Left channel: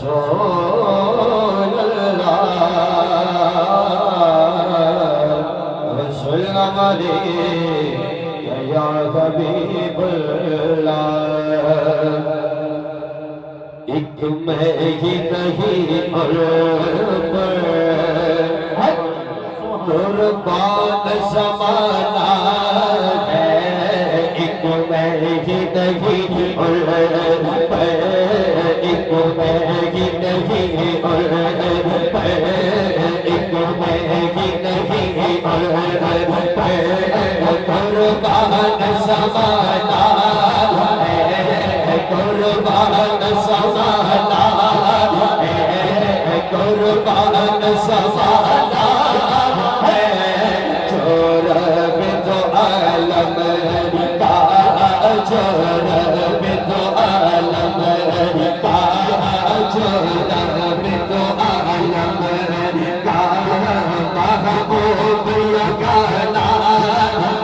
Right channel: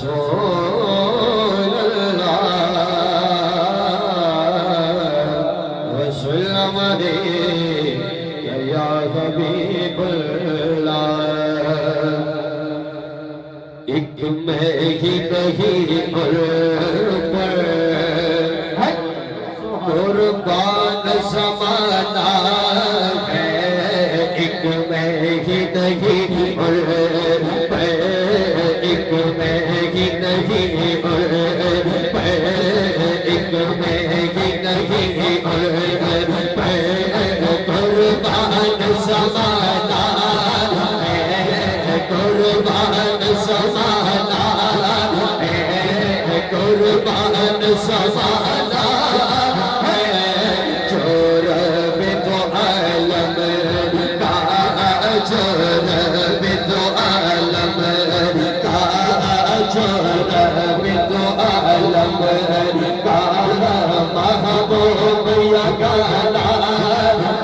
वसल्लम अलैका या हबीबल्लाह। एक मैं ही नहीं और पर कुर्बान ज़माना है। एक मैं ही नहीं और पर एक मैं ही नहीं और पर एक मैं ही नहीं और पर कुर्बान ज़माना है। कुर्बान ज़माना है। कुर्बान ज़माना है। चोर बिदो आलम का चोर बिदो आलम का चोर बिदो आलम का महबूब या गाना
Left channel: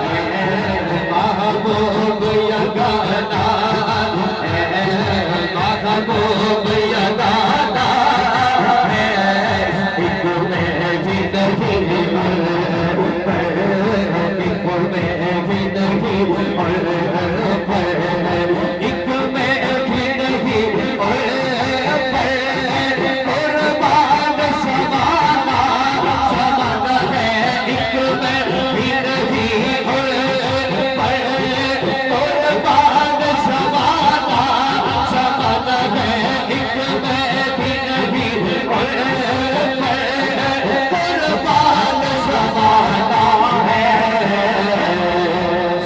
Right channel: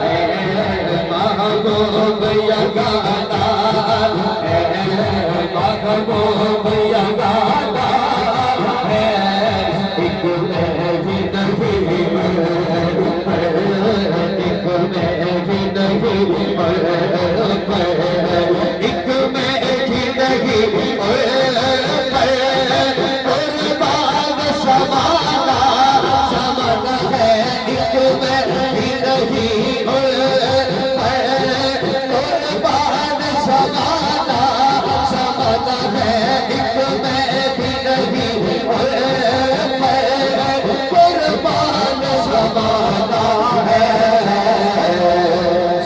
है। महबूब या गाना है। महबूब या गाना है। एक मैं ही नहीं एक मैं ही नहीं एक मैं ही नहीं कुर्बान ज़माना ज़माना है। एक मैं ही नहीं कुर्बान ज़माना ज़माना है। एक मैं ही नहीं कुर्बान ज़माना है।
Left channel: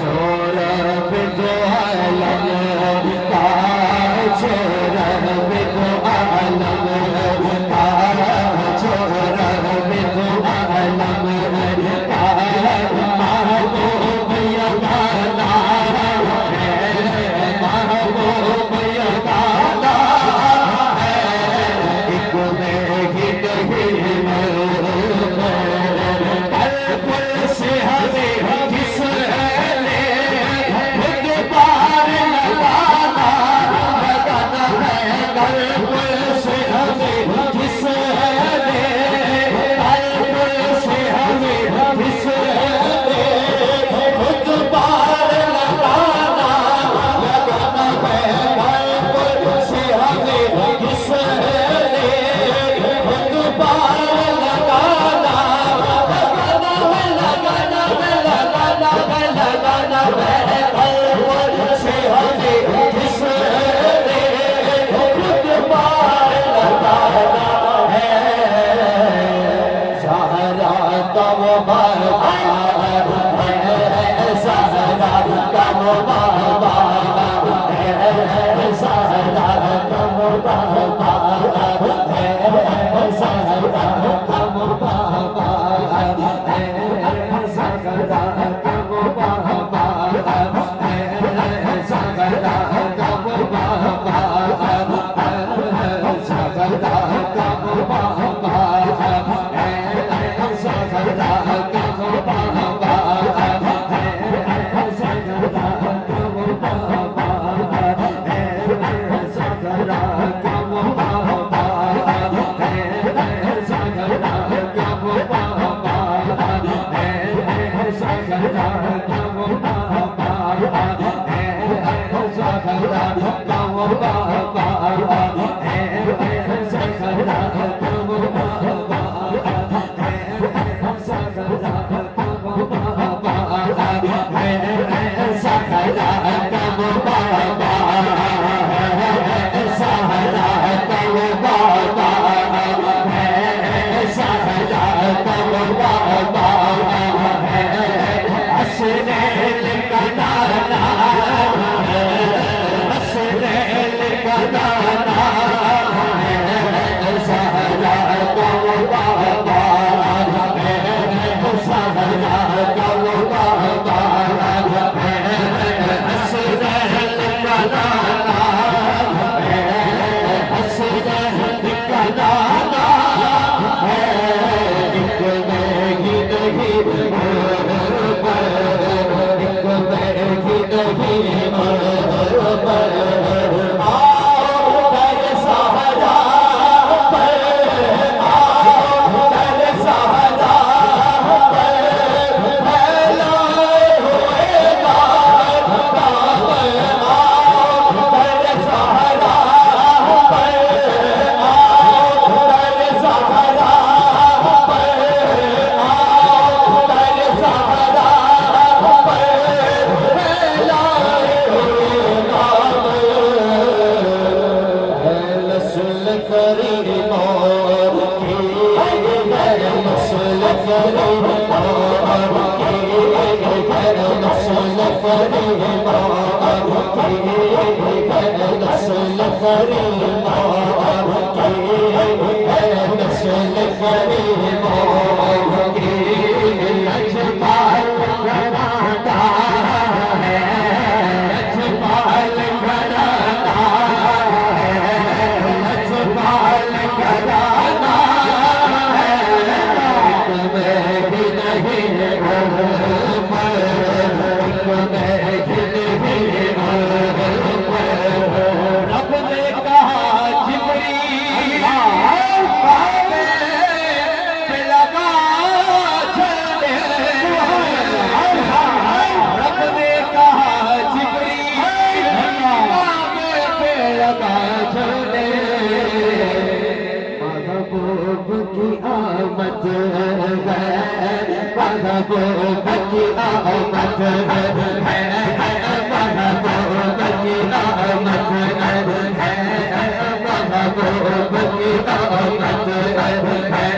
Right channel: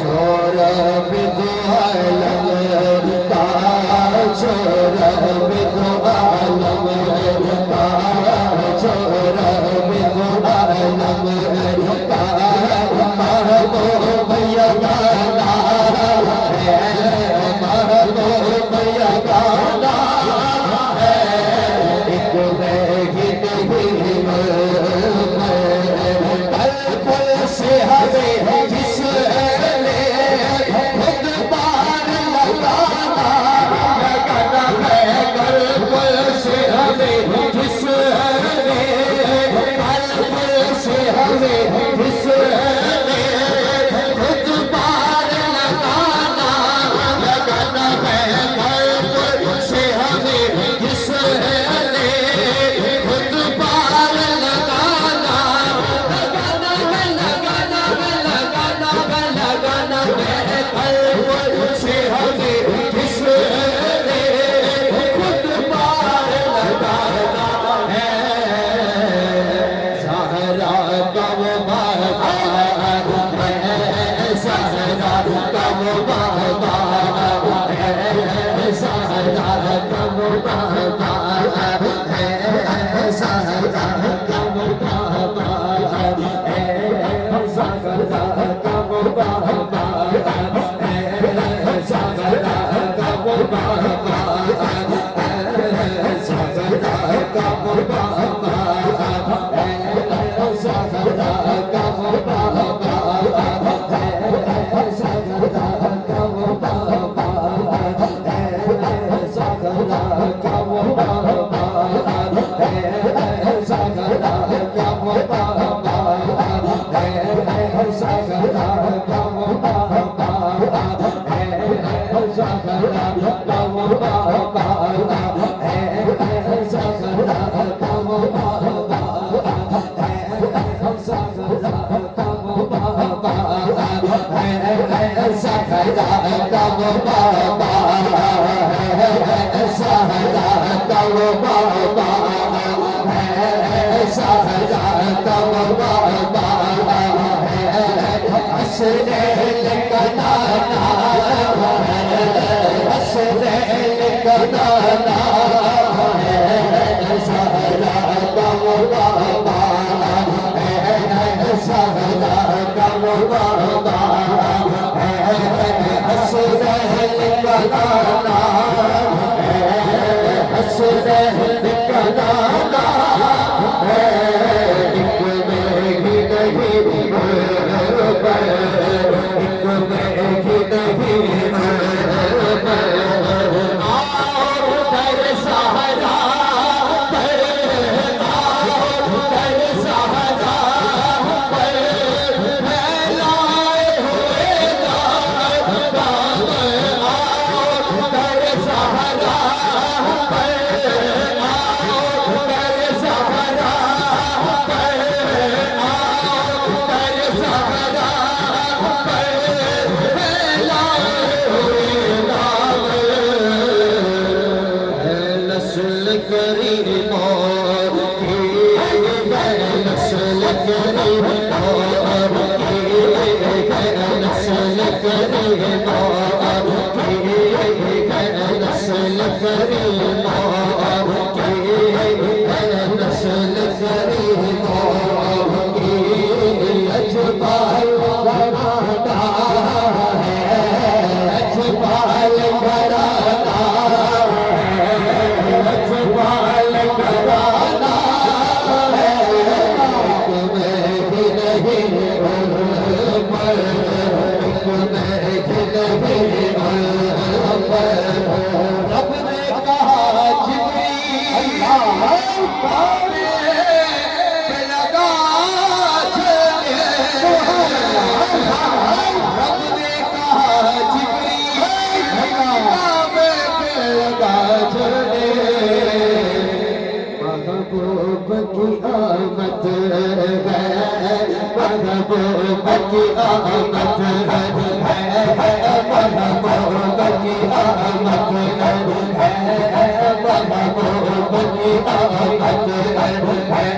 छोर बिदो आलम का छोर बिदो आलम का छोर बिदो आलम का महबूब या गाना है। महबूब या गाना है। एक मैं ही नहीं पल से हमें जिसने खुद पार लगाना लगाना है। पल से हमें जिसने पल से हमें जिसने खुद पार लगाना लगाना है। पल से हमें जिसने खुद पार लगाना लगाना है। लगाना है। लगाना है। लगाना है। पल से हमें जिसने खुद पार लगाना है। सहारा का वो बाबा है। सहारा का वो बाबा है। सहारा का वो बाबा है। सहारा का वो बाबा है। सहारा का वो बाबा है। सहारा का वो बाबा है। सहारा का वो बाबा है। सहारा का वो बाबा है। सहारा का वो बाबा है। सहारा का वो बाबा है। सहारा का वो बाबा है। सहारा का वो बाबा है। सहारा का वो बाबा है। सहारा का वो बाबा है। सहारा का वो बाबा है। सहारा का वो बाबा है। सहारा का वो बाबा है। सहारा का वो बाबा है। हसनैन का नाना है। हसनैन का नाना है। सहारा का वो बाबा है। सहारा का वो बाबा है। हसनैन का नाना है। हसनैन का नाना है। एक मैं ही नहीं एक मैं ही नहीं करीम की नस्ल करीम की नस्ल करीम नस्ल करीम नस्ल करीम की अजमाल घराना है अजमाल घराना अजमाल घराना है तुम्हें भी नहीं रब ने कहा जिब्रील काबे पे लगा चले रब ने कहा जिब्रील काबे पे लगा चले महबूब की आमद है महबूब की आमद है महबूब की आमद है महबूब की आमद है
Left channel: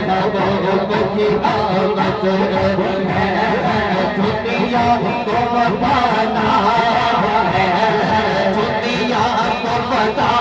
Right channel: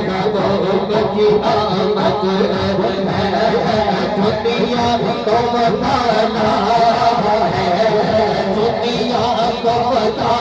महबूब की आमद है दुनिया को बताना है दुनिया को बताना